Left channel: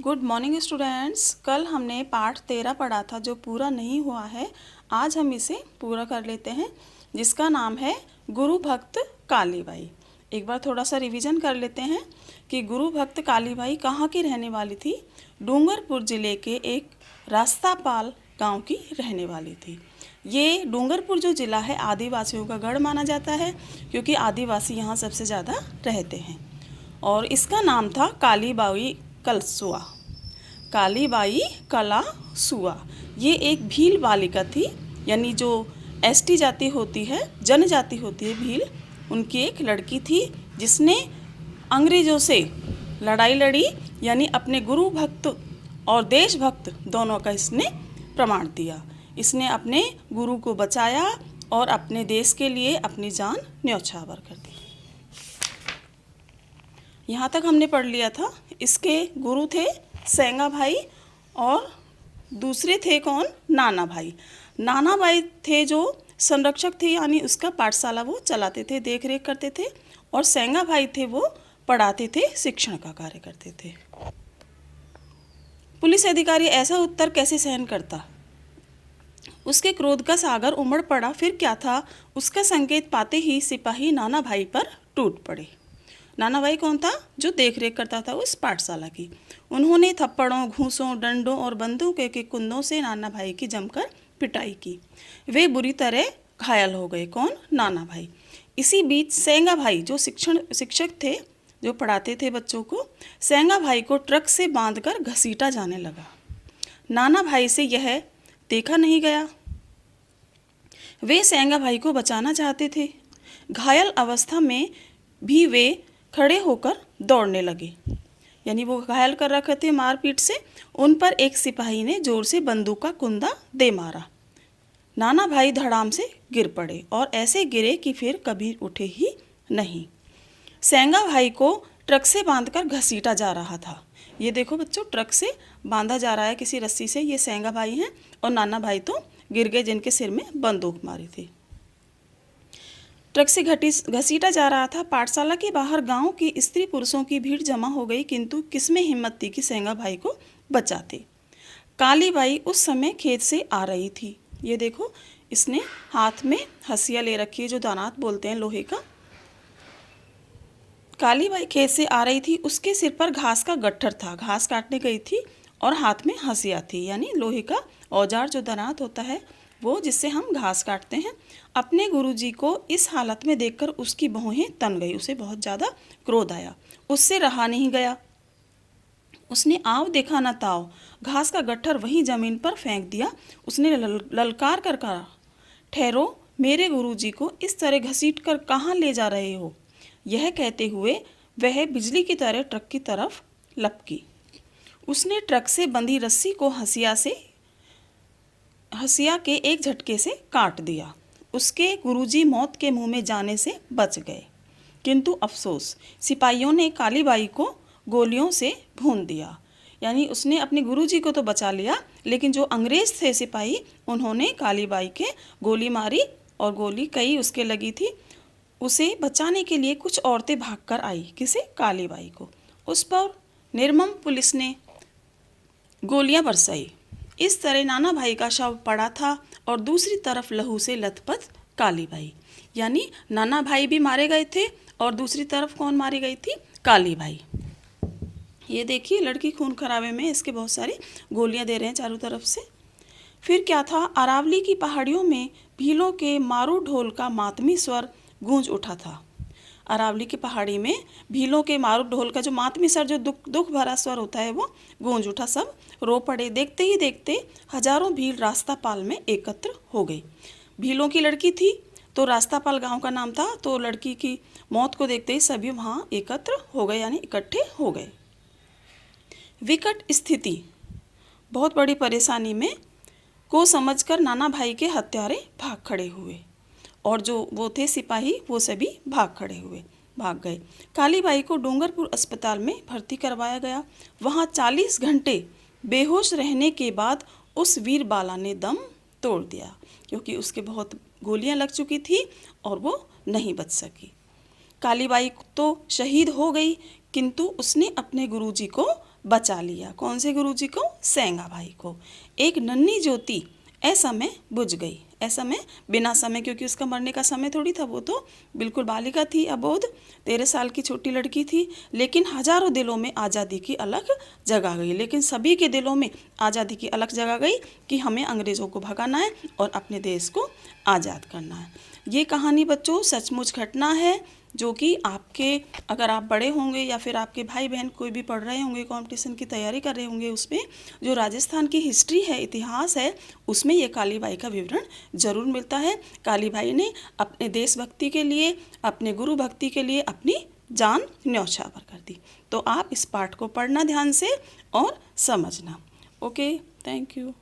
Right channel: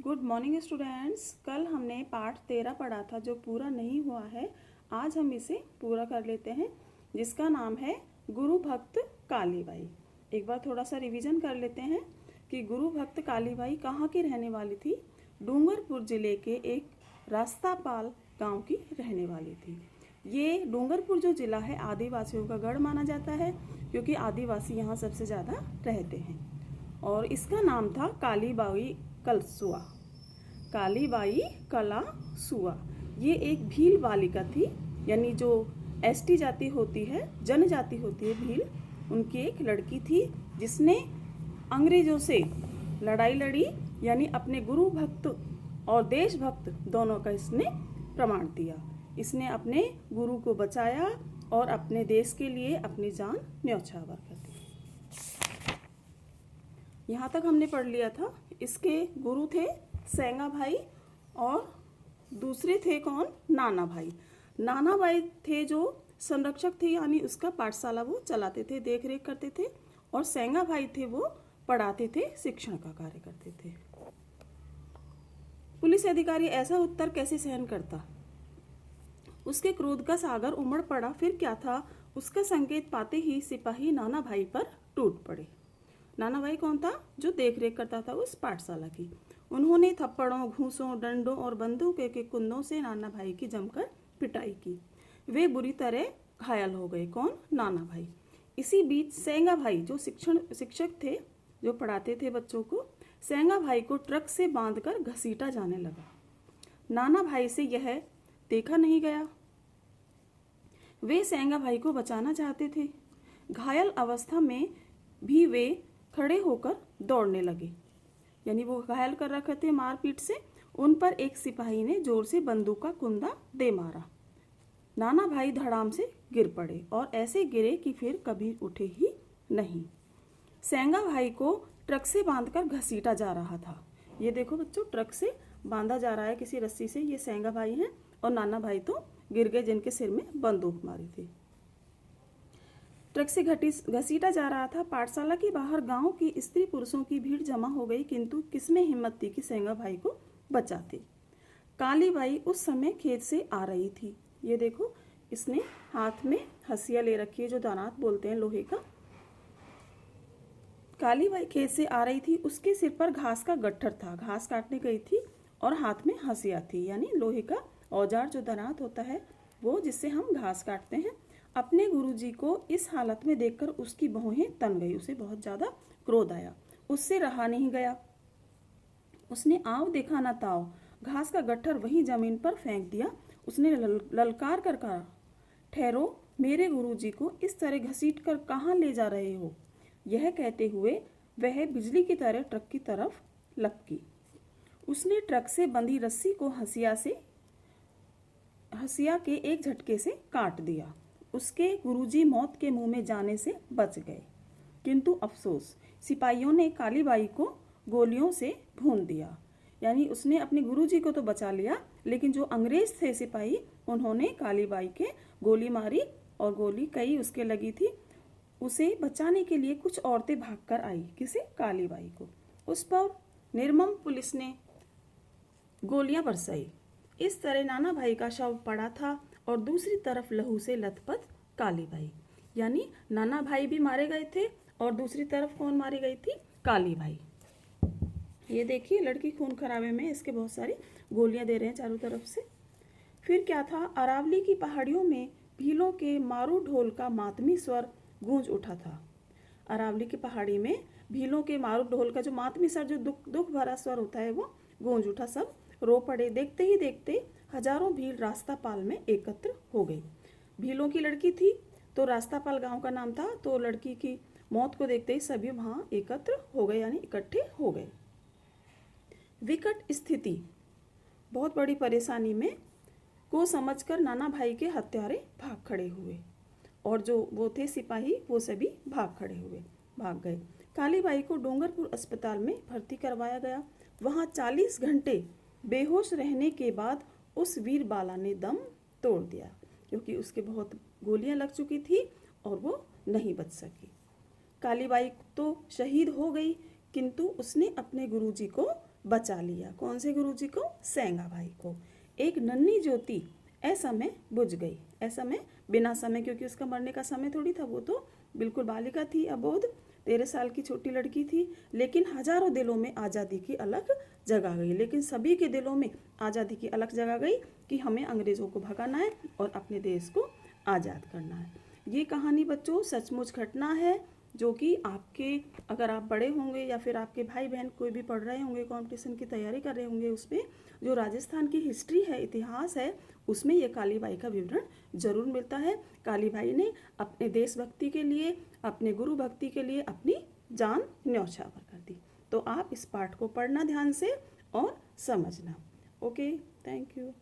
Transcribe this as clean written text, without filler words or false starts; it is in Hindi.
Good morning students. कल हमने पाठ 13 पढ़ा था जो पूरा नहीं हुआ है। आज हम इसे पूरा कर लेते हैं, जिसका नाम है गुरु भक्त कालीबाई। एक बार थोड़ा सा रिवीजन कर लेते हैं कि गुरु भक्त कालीबाई कहाँ की रहने वाली थी। डूंगरपुर ज़िले के एक रास्तापाल गांव की रहने वाली थी। ये डूंगरपुर जो ज़िला है आदिवासियों का गढ़ माना जाता है, क्योंकि आदिवासी यहाँ सबसे ज़्यादा रहते हैं। और इसका नाम था कालीबाई कलसुआ। कालीबाई कलासुआ ये एक भील बालिका थी, यानी जो एसटी जाति होती है, जनजाति होती है भील, उनकी एक लड़की थी जिसने अंग्रेज़ों से लड़ाई लड़ी, यानी अपने गुरु भक्त और देशभक्त दोनों का इसने प्रमाण दिया। इसने अपने गुरु को बचाया और अपने देश के लिए अपनी जान न्यौछावर कर दी। यहाँ तक हमने पढ़ लिया था। इसके गुरु थे सेंगा भाई और दूसरे थे कौन? नाना भाई। नाना भाई थे जो संरक्षक थे, यानी उसका पाठशाला वो चलाते थे, देख रेख करते थे। और सेंगा भाई थे वो पढ़ाते थे, शिक्षण का कार्य करते थे। पुलिस अधिकारी ऐसा उत्तर कैसे सहन करता? उसके क्रोध का सागर उमड़ पड़ा। फिर क्या था? उसका संकेत पाते ही सिपाही नाना भाई पर टूट पड़े। नाना भाई कौन था? जो देख रेख करता था उस पाठशाला की। उन्होंने थप्पड़ों, घूंसों, डंडों और बंदूकों के कुंदों से नाना भाई की जमकर पिटाई की। वे बुरी तरह घायल हो गए। कौन? नाना भाई। इसी बीच सेंगा भाई जो शिक्षक थे, जो पढ़ाते थे बच्चों को, सेंगा भाई को ट्रक से बांधकर घसीटा जाने लगा। नाना भाई से यह देखा नहीं गया। वे सेंगा भाई को बचाना चाहते थे। घायल अवस्था में भी वे खड़े होकर दौड़ने लगे, यानी वो घायल कर रखे थे मारपीट से। उन पर एक सिपाही ने जोर से बंदूक का कुंदा दे मारा। नाना भाई धड़ाम से गिर पड़े और ऐसे गिरे कि फिर कभी उठे ही नहीं। सेंगा भाई को ट्रक से बांधकर घसीटा जा रहा था। ये देखो बच्चों, ट्रक से बांधा जा रहा है किसी रस्सी से। ये सेंगा भाई हैं और नाना भाई तो गिर गए, जिनके सिर में बंदूक मारी थी। ट्रक से घसीटा जा रहा था। पाठशाला के बाहर गांव की स्त्री पुरुषों की भीड़ जमा हो गई, किंतु किसमें हिम्मत थी कि सेंगा भाई को बचाते। कालीबाई उस समय खेत से आ रही थी। ये देखो, इसने हाथ में हंसिया ले रखी है, जो दानात बोलते हैं, लोहे का। कालीबाई खेत से आ रही थी। उसके सिर पर घास का गट्ठर था, घास काटने गई थी, और हाथ में हंसिया थी, यानी लोहे का औजार जो दानात होता है वो, जिससे हम घास काटते हैं। अपने गुरुजी को इस हालत में देखकर उसकी भौहें तन गई। उसे बहुत ज़्यादा क्रोध आया, उससे रहा नहीं गया। उसने आव देखा न ताव, घास का गट्ठर वहीं जमीन पर फेंक दिया। उसने ललकार कर कहा, ठहरो, मेरे गुरुजी को इस तरह घसीट कर कहाँ ले जा रहे हो? यह कहते हुए वह बिजली की तरह ट्रक की तरफ लपकी। उसने ट्रक से बंधी रस्सी को हंसिया के एक झटके से काट दिया। उसके गुरुजी मौत के मुंह में जाने से बच गए, किंतु अफसोस, सिपाहियों ने कालीबाई को गोलियों से भून दिया। यानी उसने अपने गुरुजी को तो बचा लिया, लेकिन जो अंग्रेज थे सिपाही, उन्होंने कालीबाई के गोली मारी, और गोली कई उसके लगी थी। उसे बचाने के लिए कुछ औरतें भागकर आई। किसे? कालीबाई को। उस पर निर्मम पुलिस ने गोलियां बरसाई। इस तरह नाना भाई का शव पड़ा था और दूसरी तरफ लहू से लथपथ कालीबाई। यानी नाना भाई भी मारे गए थे और दूसरी तरफ कौन मारी गई थी? कालीबाई। ये देखिए, लड़की खून खराबे में, इसके बहुत सारी गोलियां दे रहे हैं चारों तरफ से। फिर क्या था? अरावली की पहाड़ियों में भीलों के मारू ढोल का मातमी स्वर गूंज उठा था। अरावली की पहाड़ी में भीलों के मारू ढोल का जो मातमी स्वर, जो दुख भरा स्वर होता है, वो गूंज उठा। सब रो पड़े। देखते ही देखते हजारों भील रास्तापाल में एकत्र हो गई। भीलों की लड़की थी तो रास्तापाल गांव का नाम था, तो लड़की की मौत को देखते ही सभी वहाँ एकत्र हो गए, यानी इकट्ठे हो गए। विकट स्थिति, बहुत बड़ी परेशानी में को समझकर नाना भाई के हत्यारे भाग खड़े हुए, और जो वो थे सिपाही, वो सभी भाग गए। कालीबाई को डूंगरपुर अस्पताल में भर्ती करवाया गया। वहाँ 40 घंटे बेहोश रहने के बाद उस वीर बाला ने दम तोड़ दिया, क्योंकि उसके बहुत गोलियां लग चुकी थी और वो नहीं बच सकी। कालीबाई तो शहीद हो गई, किंतु उसने अपने गुरुजी को बचा लिया। कौन से गुरुजी को? सेंगा भाई को। एक नन्ही ज्योति असमय बुझ गई। असमय बिना समय, क्योंकि उसका मरने का समय थोड़ी था, वो तो बिल्कुल बालिका थी, अबोध 13 साल की छोटी लड़की थी। लेकिन हजारों दिलों में आज़ादी की अलग जगह गई। लेकिन सभी के दिलों में आज़ादी की अलग जगह गई कि हमें अंग्रेज़ों को भगाना है और अपने देश को आज़ाद करना है। ये कहानी बच्चों सचमुच घटना है, जो कि आपके, अगर आप बड़े होंगे या फिर आपके भाई बहन कोई भी पढ़ रहे होंगे, कंपटीशन की तैयारी कर रहे होंगे, उसमें जो राजस्थान की हिस्ट्री है, इतिहास है, उसमें ये कालीबाई का विवरण जरूर मिलता है। कालीबाई ने अपने देशभक्ति के लिए, अपने गुरु भक्ति के लिए अपनी जान न्यौछावर कर दी। तो आप इस पाठ को पढ़ना ध्यान से और समझना। Okay, thank you.